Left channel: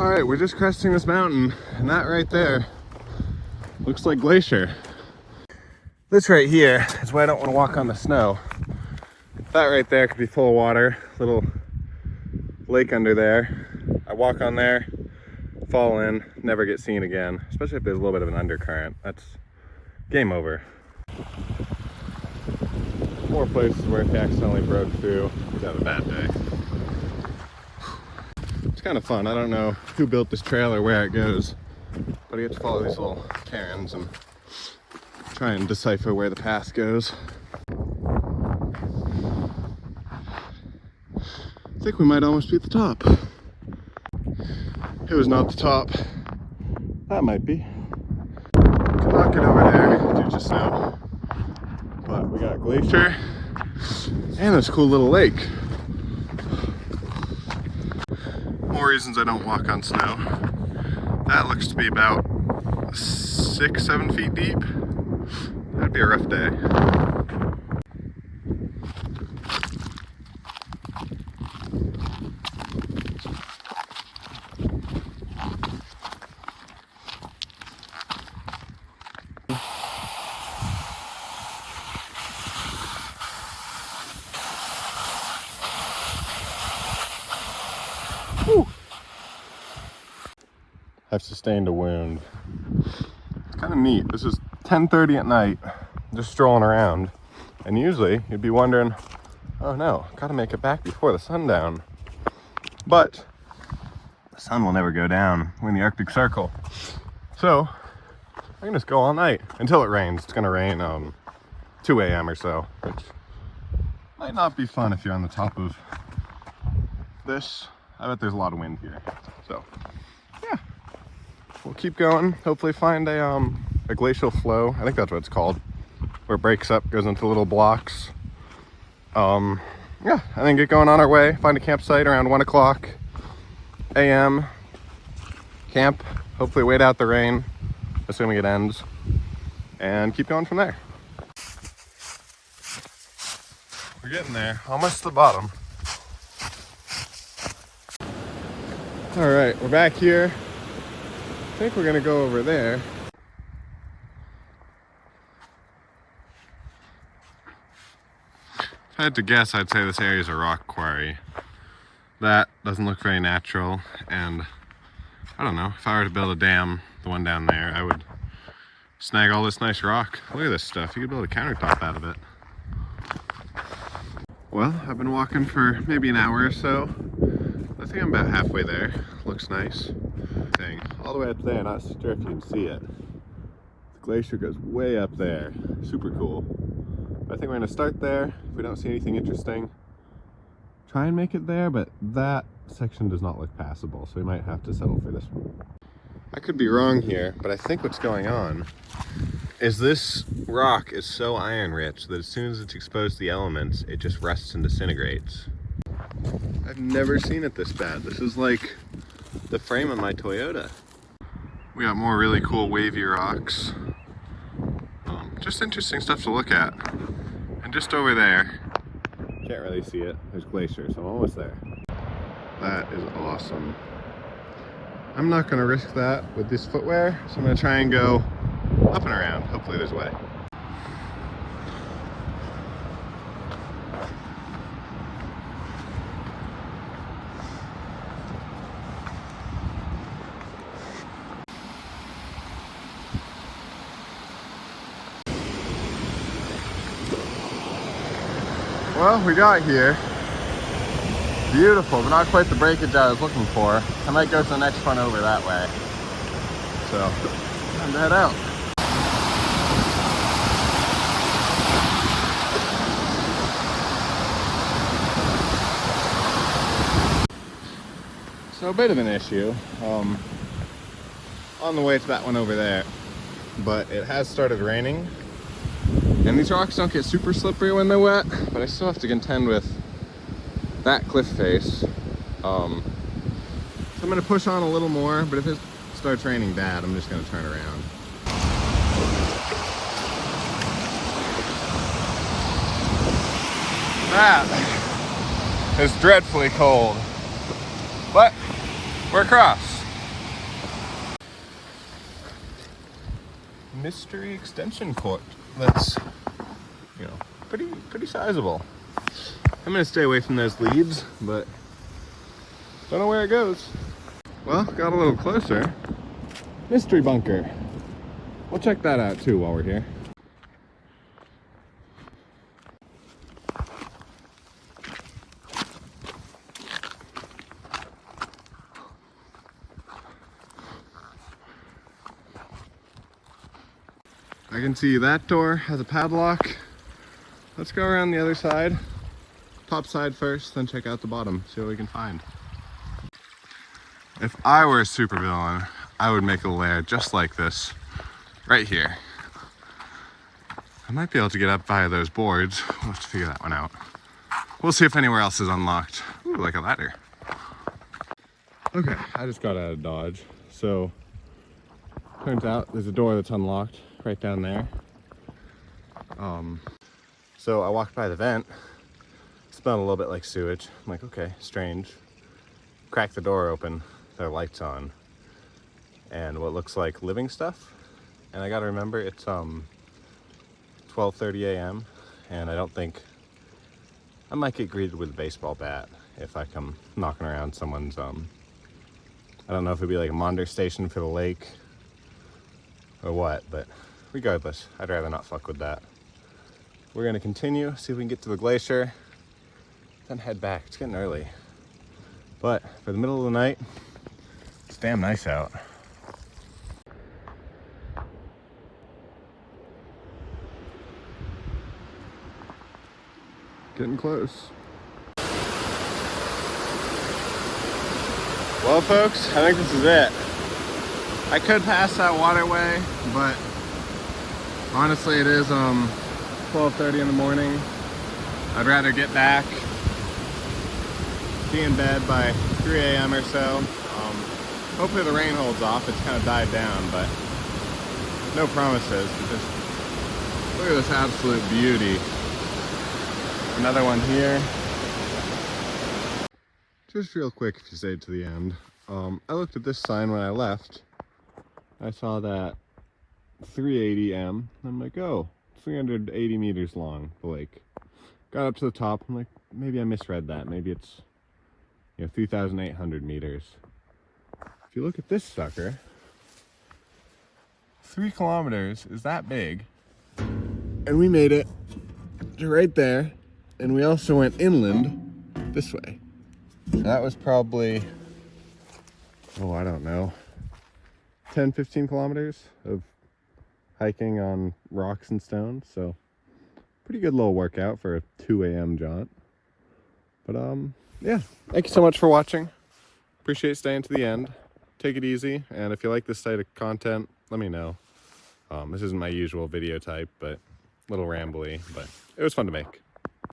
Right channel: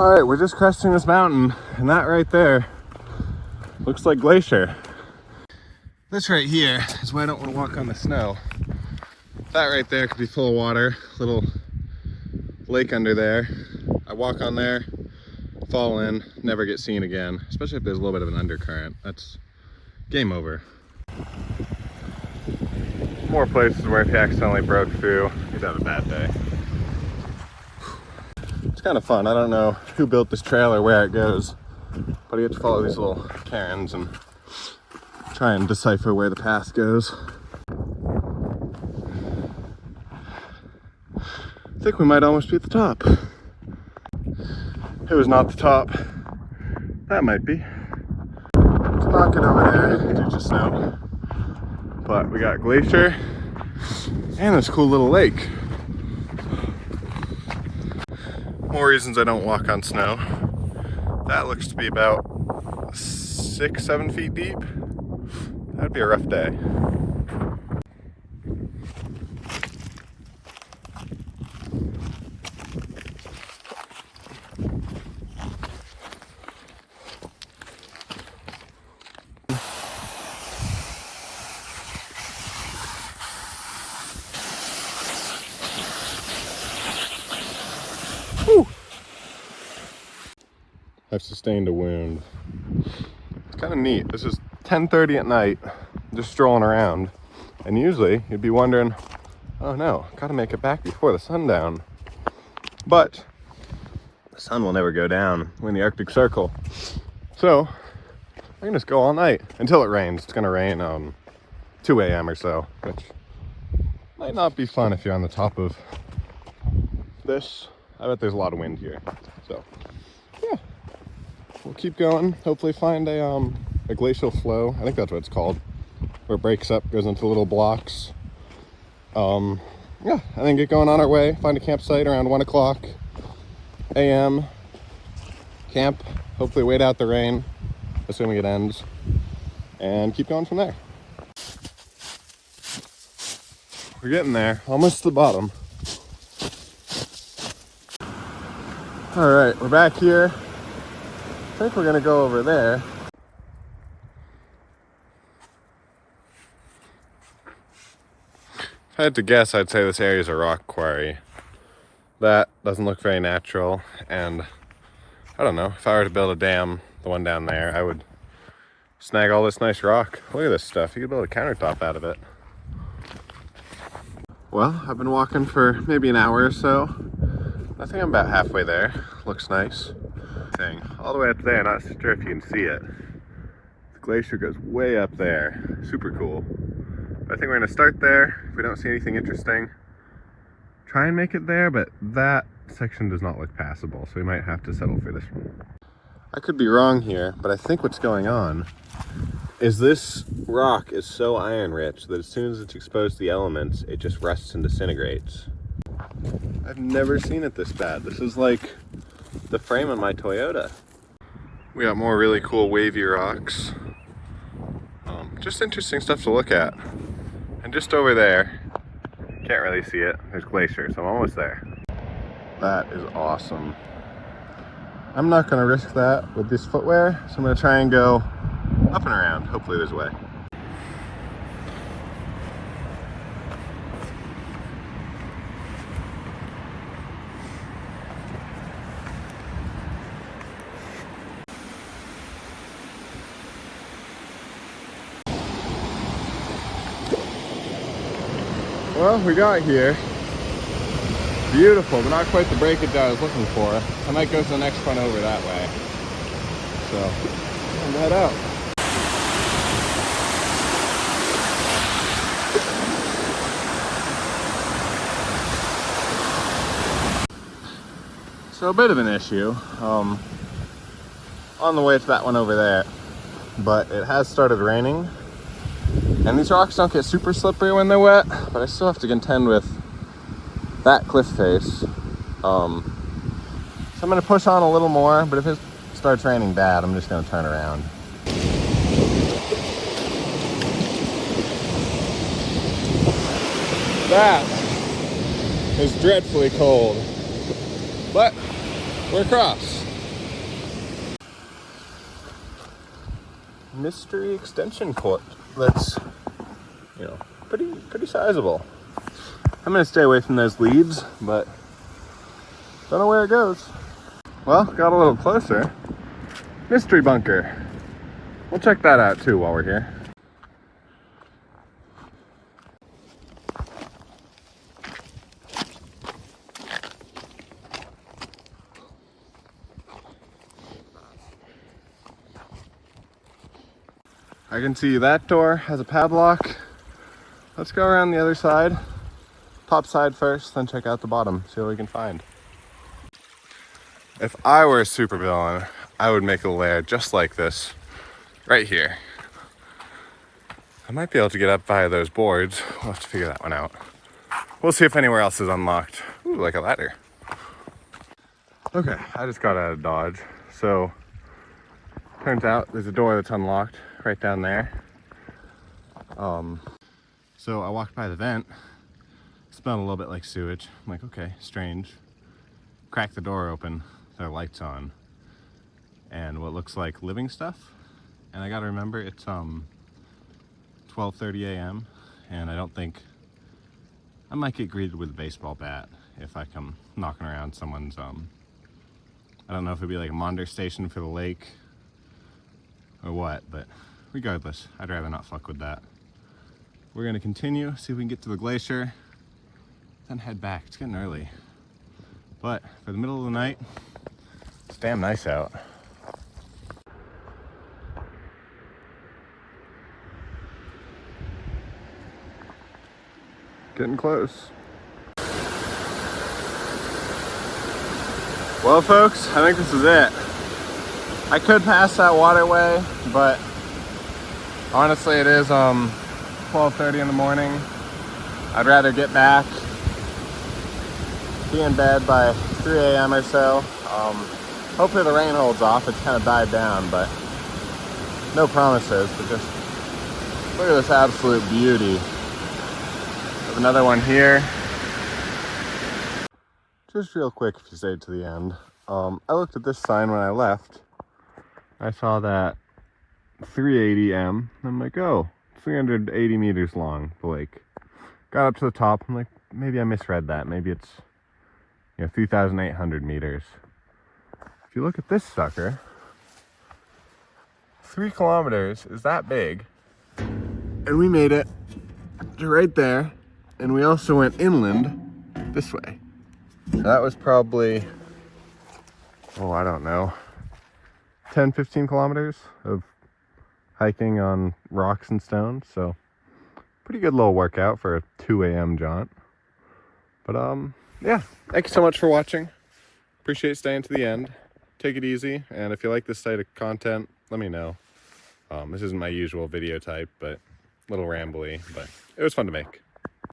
All right, we're just cresting this mountain, and that right there looks like Glacier. This right here is why I don't want to walk on the snow. That right there could be full of water, little lake under there. I walk on there, fall in, never get seen again, especially if there's a little bit of an undercurrent. That's game over. More places where if you accidentally broke through, you've had a bad day. It's kind of fun. I don't know who built this trail or where it goes, but you get to follow these little cairns and try and decipher where the path goes. I think we might almost be at the top. It was not the top. That might be. Could not get over there due to snow. But we got Glacier and this cool little lake. More reasons I don't walk on snow. That looks to be about 6-7 feet deep. That'd be a rough day. Whew. I've sustained a wound. It's kind of neat. This is 10:30 at night, just strolling around. And usually you'd be wondering, oh no, gotta make it back before the sundown. But the sun will never go down. We're in the Arctic Circle. So I can just go all night until it rains. It's gonna rain 2 a.m. or so, which might not be fun if you're on the top of this. I bet there's a lot of wind here. So yeah, we'll keep going. Hopefully find a glacial flow. I think that's what it's called, where it breaks up, goes into little blocks. Yeah, and then get going on our way. Find a campsite around 1 o'clock a.m. Camp, hopefully wait out the rain, assuming it ends, and keep going from there. We're getting there, almost to the bottom. All right, we're back here. I think we're gonna go over there. If I had to guess, I'd say this area is a rock quarry. That doesn't look very natural, and I don't know, if I were to build a dam, the one down there, I would snag all this nice rock. Look at this stuff, you could build a countertop out of it. Well, I've been walking for maybe an hour or so. I think I'm about halfway there. Looks nice. Thing all the way up there, not sure if you can see it. The glacier goes way up there. Super cool. But I think we're gonna start there. If we don't see anything interesting, try and make it there, but that section does not look passable, so we might have to settle for this one. I could be wrong here, but I think what's going on is this rock is so iron rich that as soon as it's exposed to the elements, it just rusts and disintegrates. I've never seen it this bad. This is like the frame of my Toyota. We got more really cool wavy rocks. Just interesting stuff to look at. And just over there, can't really see it, there's Glacier, so I'm almost there. That is awesome. I'm not gonna risk that with this footwear, so I'm gonna try and go up and around. Hopefully there's a way. Well, we got here. Beautiful, but not quite the breakage I was looking for. I might go to the next one over that way. So, time to head out. So a bit of an issue on the way to that one over there, but it has started raining. And these rocks don't get super slippery when they're wet, but I still have to contend with that cliff face. I'm gonna push on a little more, but if it starts raining bad, I'm just gonna turn around. That is dreadfully cold, but we're across. mystery extension cord that's, you know, pretty sizable. I'm gonna stay away from those leaves, but don't know where it goes. Well, got a little closer. Mystery bunker. We'll check that out too while we're here. I can see that door has a padlock. Let's go around the other side. Top side first, then check out the bottom, see what we can find. If I were a supervillain, I would make a lair just like this, right here. I might be able to get up via those boards. We'll have to figure that one out. We'll see if anywhere else is unlocked. Ooh, like a ladder. Okay, I just got out of Dodge. So, turns out there's a door that's unlocked right down there. So I walked by the vent, smelled a little bit like sewage. I'm like, okay, strange. Crack the door open, there are lights on, and what looks like living stuff. And I gotta remember, it's 12:30 a.m. and I don't think, I might get greeted with a baseball bat if I come knocking around someone's, I don't know if it'd be like a monitor station for the lake or what, but regardless, I'd rather not fuck with that. We're gonna continue, see if we can get to the glacier, then head back. It's getting early. But for the middle of the night, it's damn nice out. Getting close. Well folks, I think this is it. I could pass that waterway, but honestly it is 12:30 in the morning. I'd rather get back, be in bed by 3 a.m. or so. Hopefully the rain holds off. It's kind of died down, but no promises. But just look at this absolute beauty. Another one here. Just real quick, if you stayed to the end, I looked at this sign when I left. I saw that 380 m. I'm like, oh, 380 meters long, the lake. Got up to the top, I'm like, maybe I misread that. Maybe it's, 3,800 meters. If you look at this sucker, 3 kilometers is that big. And we made it to right there. And we also went inland this way. So that was probably, I don't know, 10, 15 kilometers of hiking on rocks and stones. So pretty good little workout for a 2 a.m. jaunt. But yeah, thank you so much for watching. Appreciate staying to the end. Take it easy, and if you like this type of content, let me know. This isn't my usual video type, but a little rambly, but it was fun to make.